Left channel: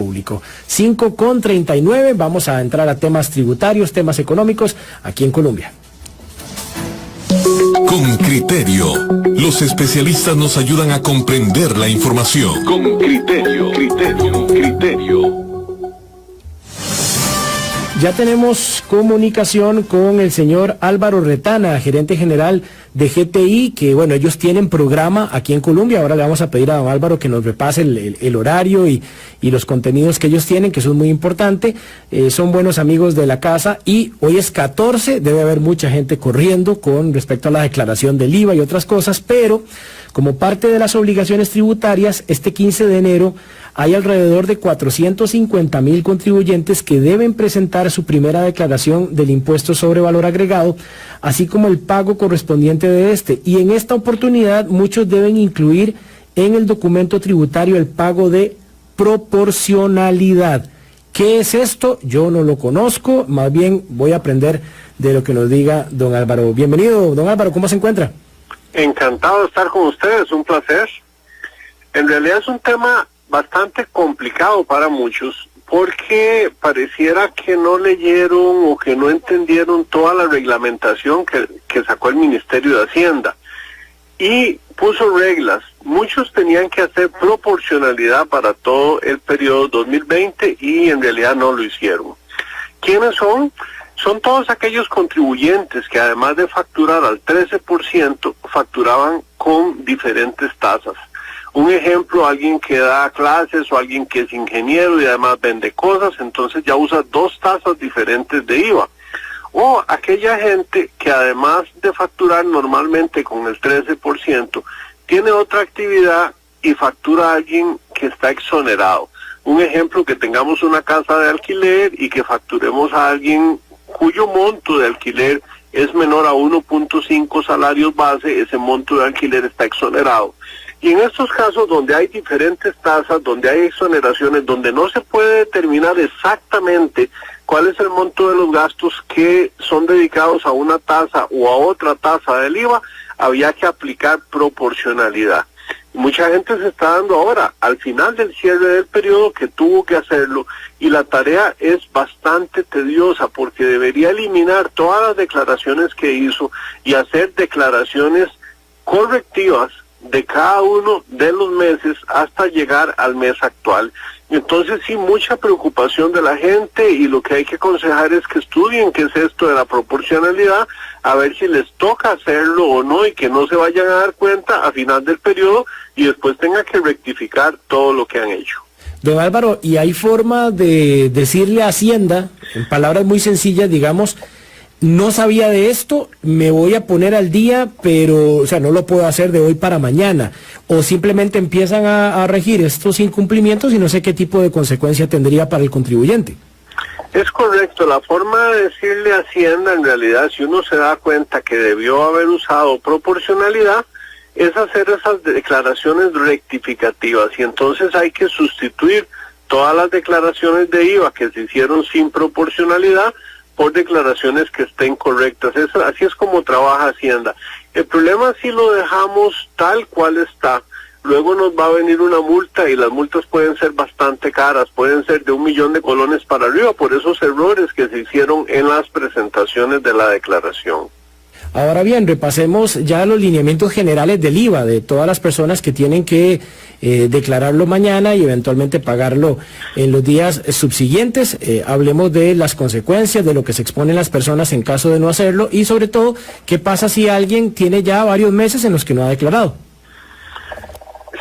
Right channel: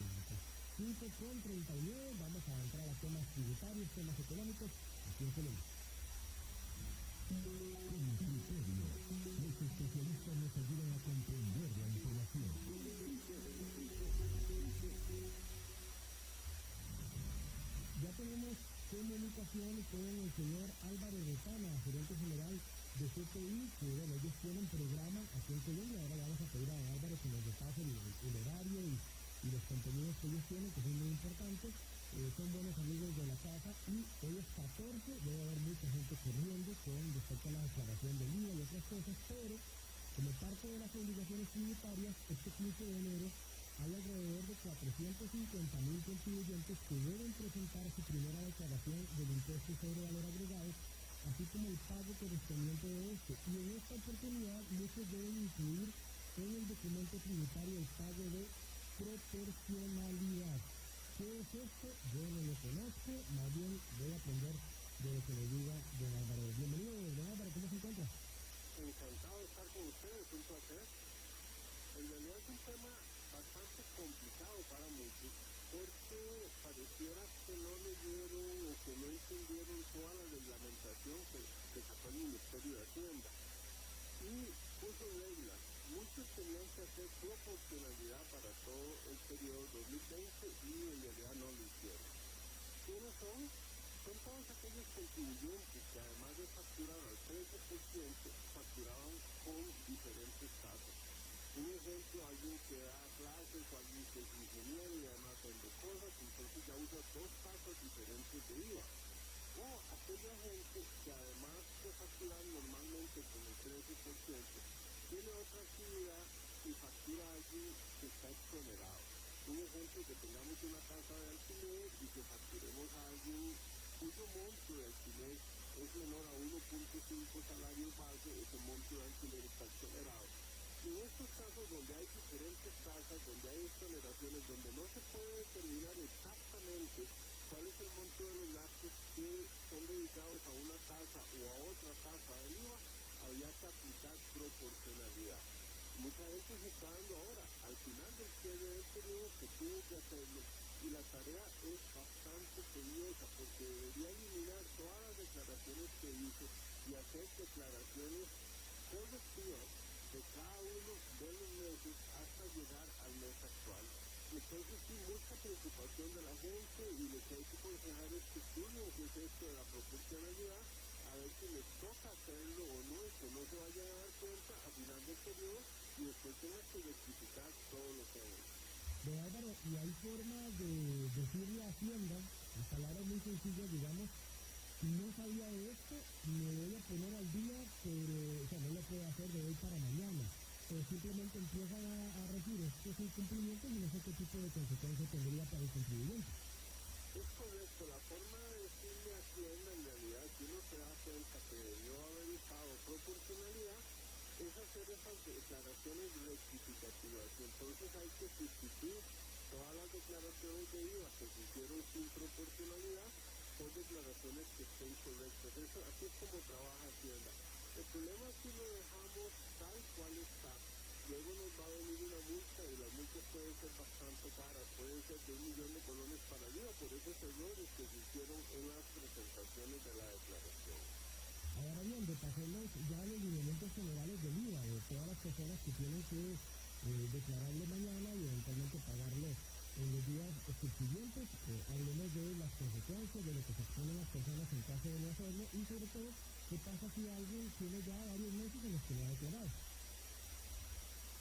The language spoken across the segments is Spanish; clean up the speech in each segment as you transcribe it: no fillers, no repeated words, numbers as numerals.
público. 5:39, vamos a entrar a temas tributarios, temas económicos aquí en Colombia. Con criterio, los especialistas nos ayudan a comprender la información. Con criterio. Ya tenemos comunicación con el señor Álvaro Retana, gerente general de GTI, que bueno, ellos tienen programa aquí en Colombia. Ahora le vamos a pedir a don Álvaro que nos repase el horario y los contenidos que ellos tienen, que son muy importantes. Son buenos amigos de la casa y hoy es 14, debe haber mucha gente corriendo con respecto a la declaración del IVA y otras cosas, pero como parte de las obligaciones tributarias, este 15 de enero hay alrededor de 450,000 contribuyentes que deben presentar su primera declaración del impuesto sobre valor agregado, así como el pago correspondiente de este. Y en esta oportunidad muchos deben incluir en el documento tributario el pago de proporcionalidad. ¿Qué es esto? Yo no lo conozco, más bien voy a aprender de lo que nos diga don Álvaro. Bienvenido, don Álvaro, ¿cómo se encuentra? Encantado de estar con ustedes, un placer. En realidad es un tema bastante complicado para muchos, porque pareciera que no leyeron o que no entendieron toda la reglamentación que sacó el Ministerio de Hacienda y puso reglas. Muchos tenían que hacer proporcionalidad para todo el periodo 2020 y en realidad no lo hicieron. ¿Quiénes son? Son todos aquellos contribuyentes que además de facturar al 13%, facturaban con diferentes tasas. Un ejemplo, alguien que da clases o alguien que es ingeniero y además vende cosas, entonces ya usa dos tasas diferentes de IVA. O aquella gente que además de facturar normalmente con el 13%, tiene otra actividad y factura a alguien que está exonerado. Un ejemplo, que tengamos una casa de alquiler y que facturemos a alguien cuyo monto de alquiler es menor a 1.5 salarios base, ese monto de alquiler está exonerado. Y en estos casos donde hay diferentes tasas, donde hay exoneraciones, donde no se puede determinar exactamente cuál es el monto de los gastos que son dedicados a una tasa o a otra tasa del IVA, había que aplicar proporcionalidad. Mucha gente se está dando ahora, al final del cierre del periodo, que tuvo que hacerlo, y la tarea es bastante tediosa porque debería eliminar todas las declaraciones que hizo y hacer declaraciones correctivas de cada uno de los meses hasta llegar al mes actual. Entonces sí, mucha preocupación de la gente, y lo que hay que aconsejar es que estudien qué es esto de la proporcionalidad, a ver si les toca hacerlo o no, y que no se vayan a dar cuenta a final del periodo y después tengan que rectificar todo lo que han hecho. Don Álvaro, ¿y hay forma de decirle a Hacienda, en palabras muy sencillas, digamos, no sabía de esto, me voy a poner al día, pero, o sea, no lo puedo hacer de hoy para mañana? O simplemente empiezan a regir estos incumplimientos y no sé qué tipo de consecuencia tendría para el contribuyente. Es correcto, la forma de decirle a Hacienda, en realidad, si uno se da cuenta que debió haber usado proporcionalidad, es hacer esas declaraciones rectificativas, y entonces hay que sustituir todas las declaraciones de IVA que se hicieron sin proporcionalidad por declaraciones que estén correctas. Así es como trabaja Hacienda. El problema, si lo dejamos tal cual está, luego nos va a venir una multa, y las multas pueden ser bastante caras, pueden ser de 1 millón de colones para arriba por esos errores que se hicieron en las presentaciones de la declaración. Ahora bien, repasemos ya los lineamientos generales del IVA de todas las personas que tienen que declararlo mañana y eventualmente pagarlo en los días subsiguientes. Hablemos de las consecuencias, de lo que se exponen las personas en caso de no hacerlo, y sobre todo, ¿qué pasa si alguien tiene ya varios meses en los que no ha declarado?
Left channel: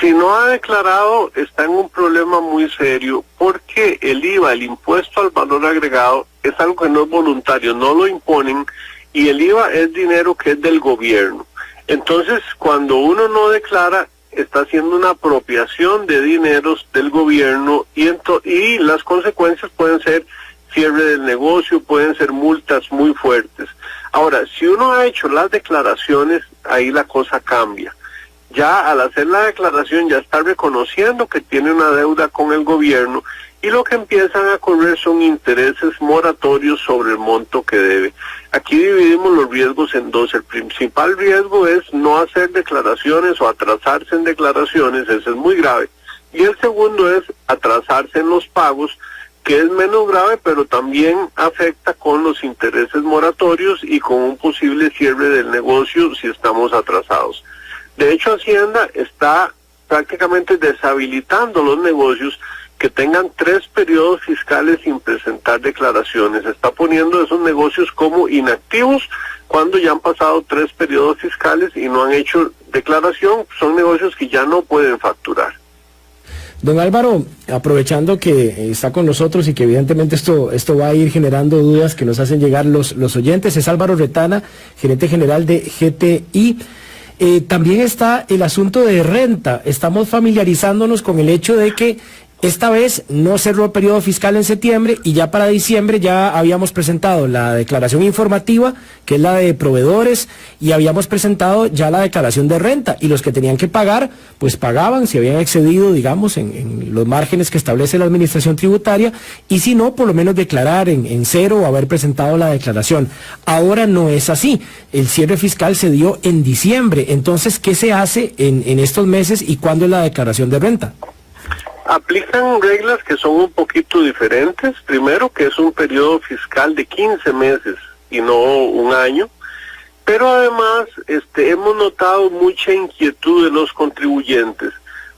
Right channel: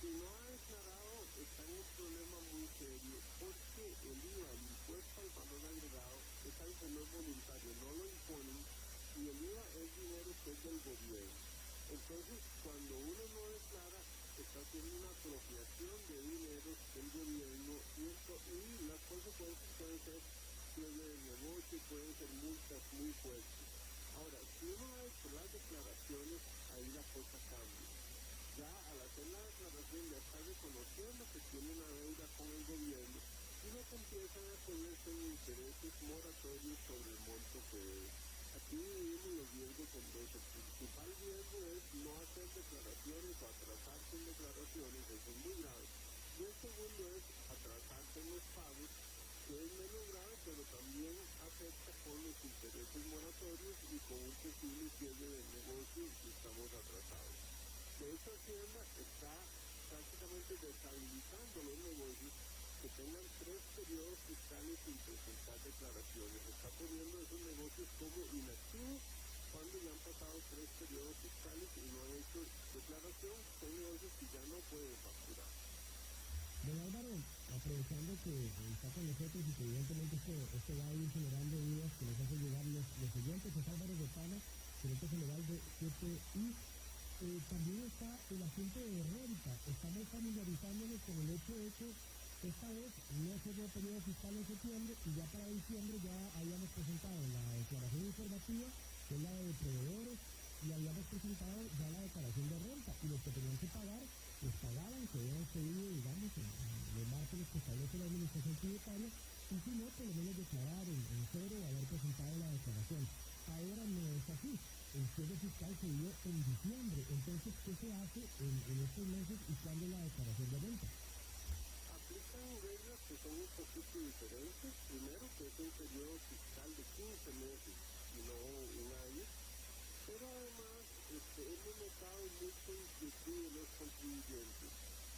Si no ha declarado, está en un problema muy serio, porque el IVA, el impuesto al valor agregado, es algo que no es voluntario, no lo imponen, y el IVA es dinero que es del gobierno. Entonces, cuando uno no declara, está haciendo una apropiación de dineros del gobierno, y las consecuencias pueden ser cierre del negocio, pueden ser multas muy fuertes. Ahora, si uno ha hecho las declaraciones, ahí la cosa cambia. Ya al hacer la declaración ya está reconociendo que tiene una deuda con el gobierno, y lo que empiezan a correr son intereses moratorios sobre el monto que debe. Aquí dividimos los riesgos en dos. El principal riesgo es no hacer declaraciones o atrasarse en declaraciones, ese es muy grave. Y el segundo es atrasarse en los pagos, que es menos grave, pero también afecta con los intereses moratorios y con un posible cierre del negocio si estamos atrasados. De hecho, Hacienda está prácticamente deshabilitando los negocios que tengan 3 periodos fiscales sin presentar declaraciones. Está poniendo esos negocios como inactivos cuando ya han pasado 3 periodos fiscales y no han hecho declaración. Son negocios que ya no pueden facturar. Don Álvaro, aprovechando que está con nosotros y que evidentemente esto va a ir generando dudas que nos hacen llegar los oyentes, es Álvaro Retana, gerente general de GTI. También está el asunto de renta. Estamos familiarizándonos con el hecho de que esta vez no cerró el periodo fiscal en septiembre y ya para diciembre ya habíamos presentado la declaración informativa, que es la de proveedores, y habíamos presentado ya la declaración de renta, y los que tenían que pagar, pues pagaban si habían excedido, digamos, en los márgenes que establece la administración tributaria, y si no, por lo menos declarar en cero o haber presentado la declaración. Ahora no es así. El cierre fiscal se dio en diciembre. Entonces, ¿qué se hace en estos meses y cuándo es la declaración de renta? Aplican reglas que son un poquito diferentes. Primero, que es un periodo fiscal de 15 meses y no un año. Pero además hemos notado mucha inquietud de los contribuyentes,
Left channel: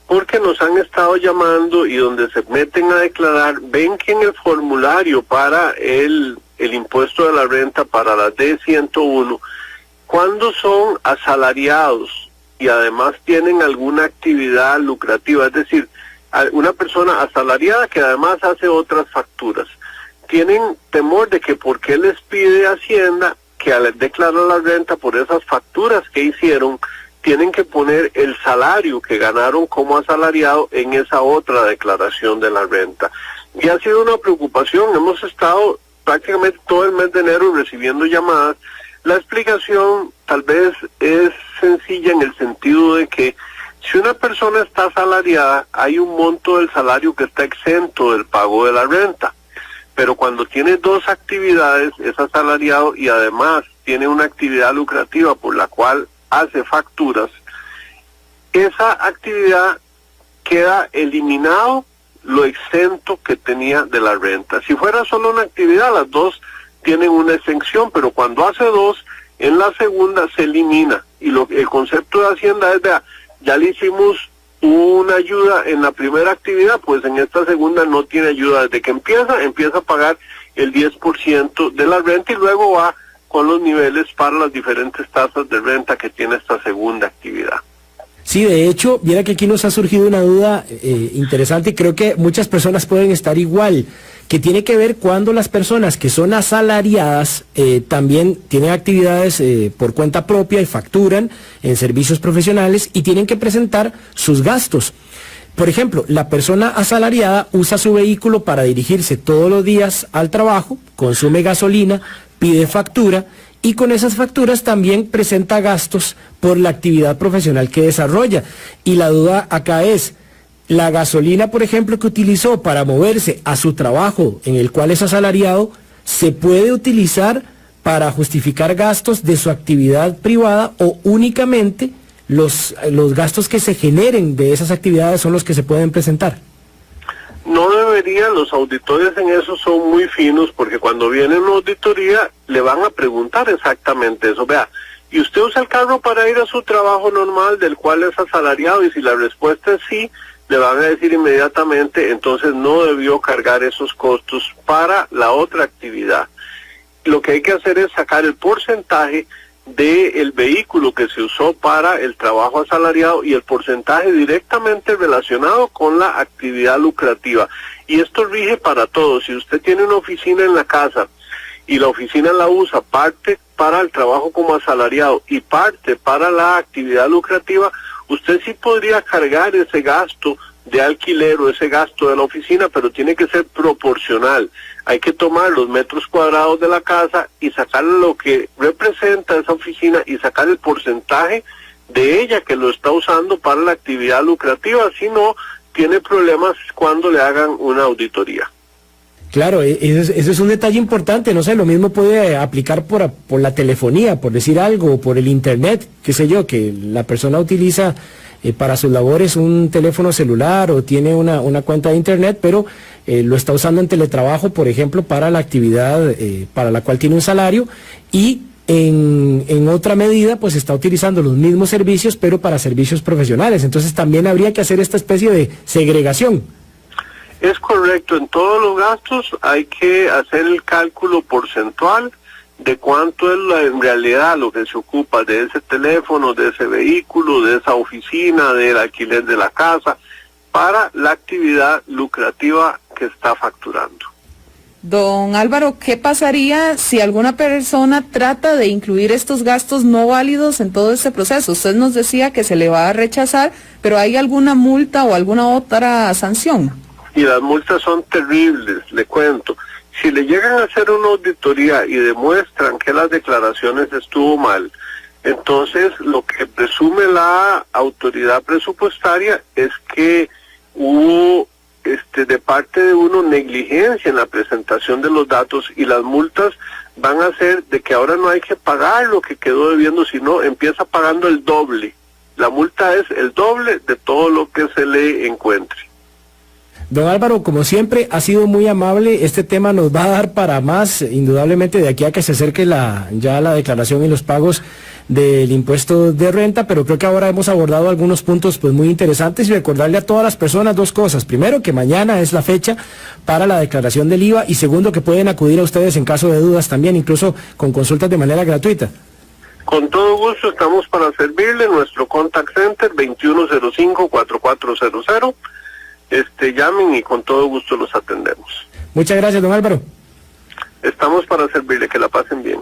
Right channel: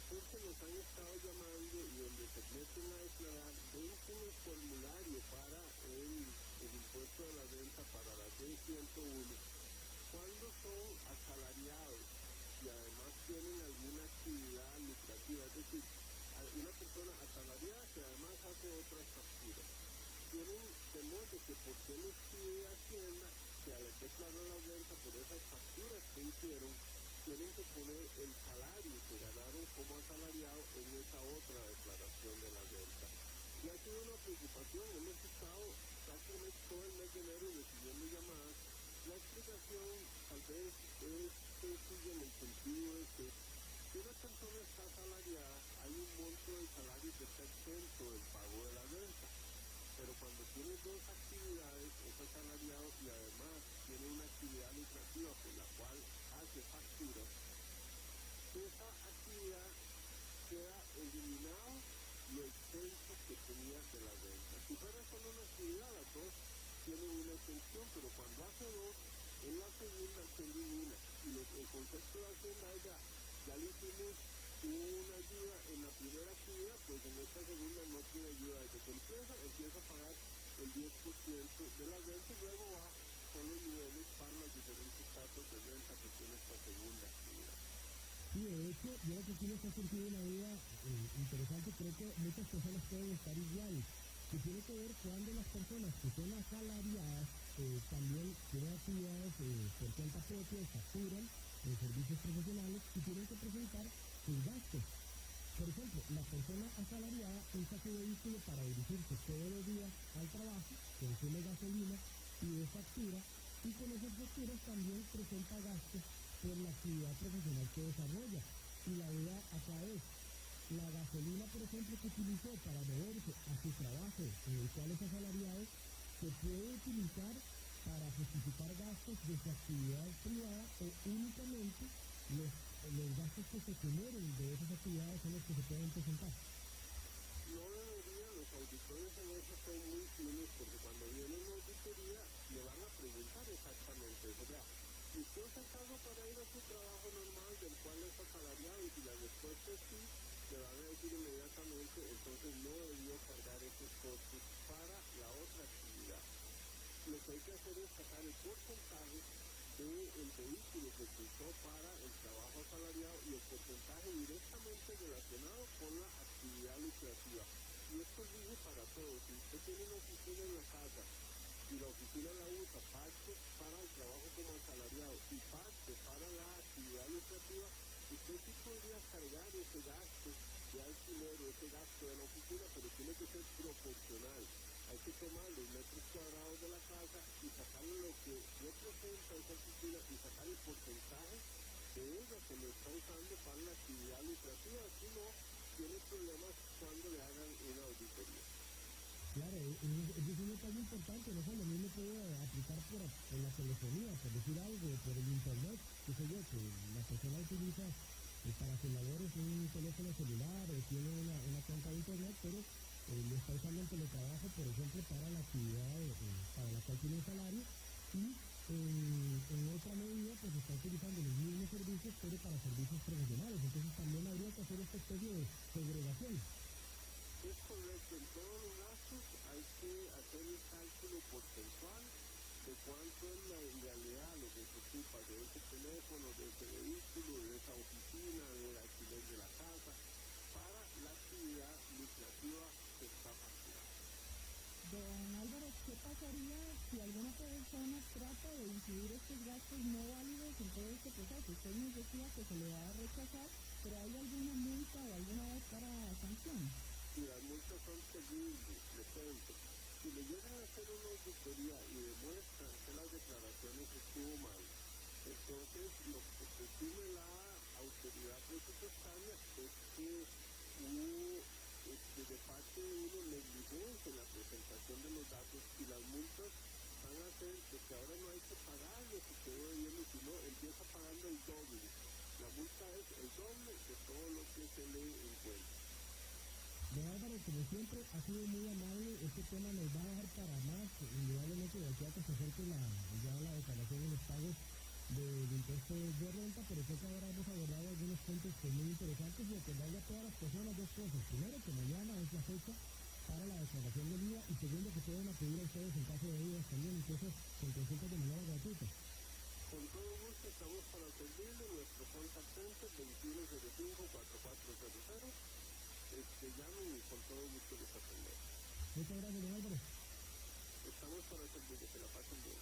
porque nos han estado llamando y donde se meten a declarar, ven que en el formulario para el impuesto de la renta para la D101, cuando son asalariados y además tienen alguna actividad lucrativa, es decir, una persona asalariada que además hace otras facturas, tienen temor de que porque les pide Hacienda que al declarar la renta por esas facturas que hicieron, tienen que poner el salario que ganaron como asalariado en esa otra declaración de la renta. Y ha sido una preocupación. Hemos estado prácticamente todo el mes de enero recibiendo llamadas. La explicación tal vez es sencilla en el sentido de que si una persona está asalariada, hay un monto del salario que está exento del pago de la renta. Pero cuando tiene 2 actividades, es asalariado y además tiene una actividad lucrativa por la cual hace facturas, esa actividad queda eliminado lo exento que tenía de la renta. Si fuera solo una actividad, las 2 tienen una exención, pero cuando hace 2, en la segunda se elimina. Y el concepto de Hacienda es ya le hicimos una ayuda en la primera actividad, pues en esta segunda no tiene ayuda. Desde que empieza a pagar el 10% de la renta y luego va con los niveles para las diferentes tasas de renta que tiene esta segunda actividad. Sí, de hecho, viera que aquí nos ha surgido una duda interesante y creo que muchas personas pueden estar igual, que tiene que ver cuando las personas que son asalariadas también tienen actividades por cuenta propia y facturan en servicios profesionales y tienen que presentar sus gastos. Por ejemplo, la persona asalariada usa su vehículo para dirigirse todos los días al trabajo, consume gasolina, pide factura y con esas facturas también presenta gastos por la actividad profesional que desarrolla. Y la duda acá es, la gasolina, por ejemplo, que utilizó para moverse a su trabajo en el cual es asalariado, ¿se puede utilizar para justificar gastos de su actividad privada o únicamente los gastos que se generen de esas actividades son los que se pueden presentar? No debería, los auditores en eso son muy finos, porque cuando viene una auditoría le van a preguntar exactamente eso. Vea, ¿y usted usa el carro para ir a su trabajo normal del cual es asalariado? Y si la respuesta es sí, le van a decir inmediatamente, entonces no debió cargar esos costos para la otra actividad. Lo que hay que hacer es sacar el porcentaje del vehículo que se usó para el trabajo asalariado y el porcentaje directamente relacionado con la actividad lucrativa. Y esto rige para todos. Si usted tiene una oficina en la casa y la oficina la usa parte para el trabajo como asalariado y parte para la actividad lucrativa, usted sí podría cargar ese gasto de alquiler o ese gasto de la oficina, pero tiene que ser proporcional. Hay que tomar los metros cuadrados de la casa y sacar lo que representa esa oficina y sacar el porcentaje de ella que lo está usando para la actividad lucrativa, si no, tiene problemas cuando le hagan una auditoría. Claro, ese es un detalle importante, no sé, lo mismo puede aplicar por la telefonía, por decir algo, o por el internet, qué sé yo, que la persona utiliza para sus labores un teléfono celular o tiene una cuenta de internet, pero lo está usando en teletrabajo, por ejemplo, para la actividad para la cual tiene un salario, y en otra medida pues está utilizando los mismos servicios, pero para servicios profesionales. Entonces también habría que hacer esta especie de segregación. Es correcto, en todos los gastos hay que hacer el cálculo porcentual de cuánto es en realidad lo que se ocupa de ese teléfono, de ese vehículo, de esa oficina, del alquiler de la casa, para la actividad lucrativa que está facturando. Don Álvaro, ¿qué pasaría si alguna persona trata de incluir estos gastos no válidos en todo este proceso? Usted nos decía que se le va a rechazar, pero ¿hay alguna multa o alguna otra sanción? Y las multas son terribles, le cuento. Si le llegan a hacer una auditoría y demuestran que las declaraciones estuvo mal, entonces lo que presume la autoridad presupuestaria es que hubo de parte de uno negligencia en la presentación de los datos, y las multas van a ser de que ahora no hay que pagar lo que quedó debiendo, sino empieza pagando el doble. La multa es el doble de todo lo que se le encuentre. Don Álvaro, como siempre, ha sido muy amable. Este tema nos va a dar para más, indudablemente, de aquí a que se acerque ya la declaración y los pagos del impuesto de renta, pero creo que ahora hemos abordado algunos puntos pues muy interesantes, y recordarle a todas las personas dos cosas. Primero, que mañana es la fecha para la declaración del IVA, y segundo, que pueden acudir a ustedes en caso de dudas también, incluso con consultas de manera gratuita. Con todo gusto estamos para servirle. Nuestro contact center 2105-4400. Llamen y con todo gusto los atendemos. Muchas gracias, don Álvaro. Estamos para servirle, que la pasen bien.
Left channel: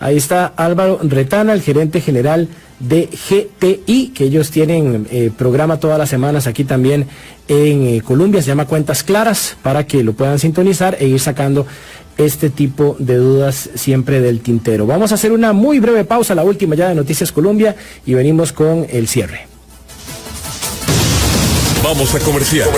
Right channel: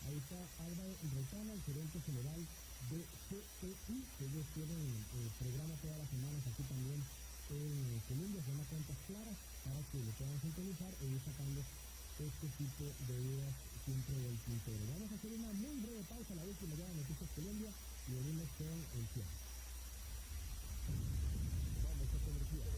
Ahí está Álvaro Retana, el gerente general de GTI, que ellos tienen programa todas las semanas aquí también en Colombia, se llama Cuentas Claras, para que lo puedan sintonizar e ir sacando este tipo de dudas siempre del tintero. Vamos a hacer una muy breve pausa, la última ya de Noticias Colombia, y venimos con el cierre. Vamos a comerciar.